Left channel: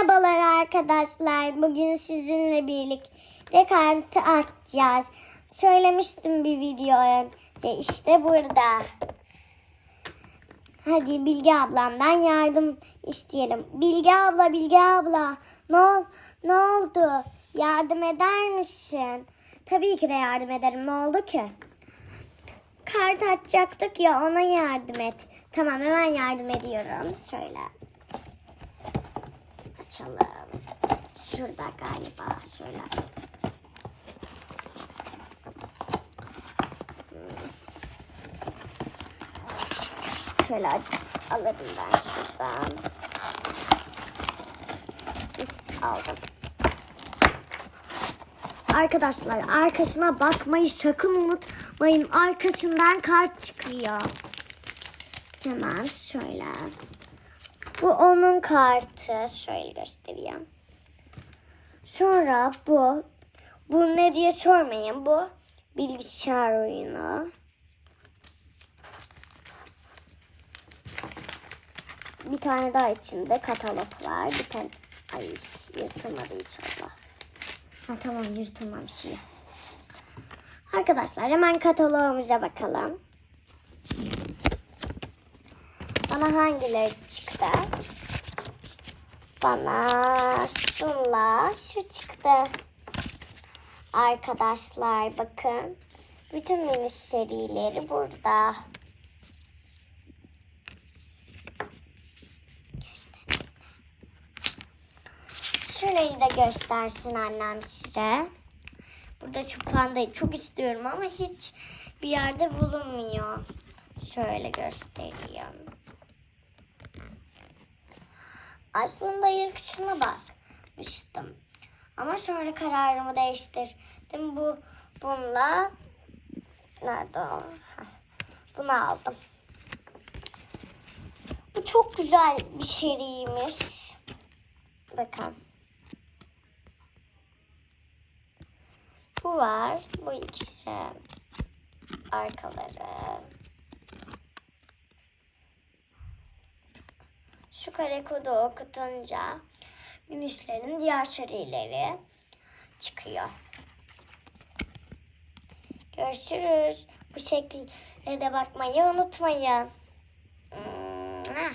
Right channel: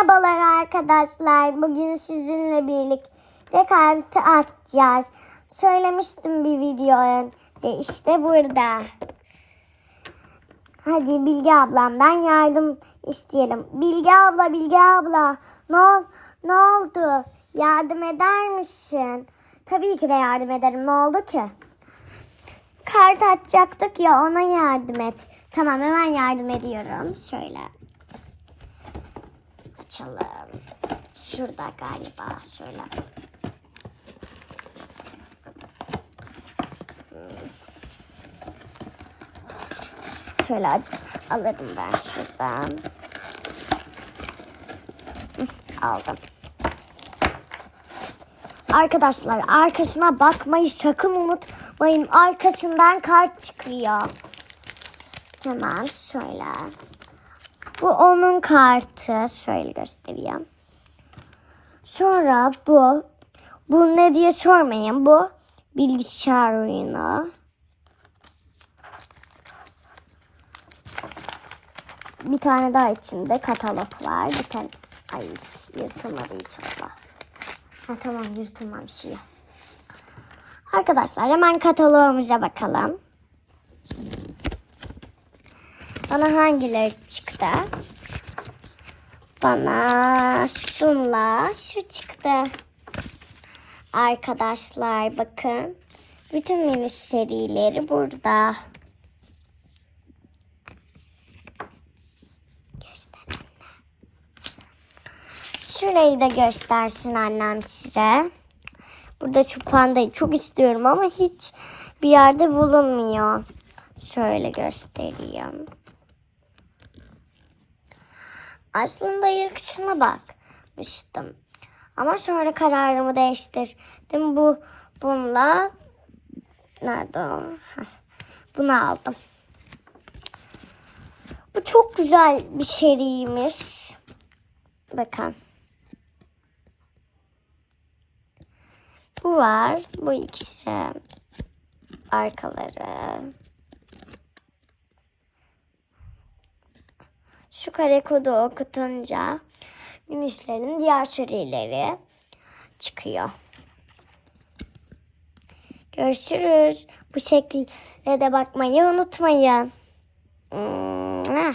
Merhabalar arkadaşlar. Bugün sizinle birlikte kartı açacağız. Söylemiştim bir video önce. İşte burada. Hadi Bilge ablamdan yardım isteyelim. Bilge abla, Bilge abla. Ne, ol, ne oldu? Yardım eder misin? Tabii ki de yardım ederim. Ne oldu ki? Kart açacaktık ya ona yardım et. Tamam hemen yardım ediyorum. Şöyle açalım. Şurada galiba şöyle. Şöyle alırım ben şuradan. Aldım. Arkadaşlar arkasına bakmayı sakın unutmayın. Arkasından kart çıkıyor. Hemen şöyle. Bu onun kartı. Şöyle göstereyim. Sonra bu. Bu ne diye sormayın. Bu bilgisayar oyunu. Bir tane daha içinde katalog var. Bir tane... Ay yırtılmadı inşallah. Ha, tamam yırtılmamış iyi. Arkadaşlar hemen kataloğumuza bakalım. Bana hangileri çıktı? Bana şunla şu çıktı. Arkadaşlar bakın. Bütün mini serileri burada. Şurayı da göstersin annem size. Burada şu pandayı çok istiyorum ama hiç bir yerde bulunmuyor. Şöyle göstereyim. Aslında ilk şuna bakmıştım. Ama sonra kararımı değiştirdim. Bu bununla nerede Bunu aldım. Bu çok güzel bir seriymiş. Bakın. Bu var. Bu ikisi. Arkaları. Şu kare kodu okutunca minişlerin diğer serileri çıkıyor. Görüşürüz. Bu şekilde de bakmayı unutmayın. Mwah.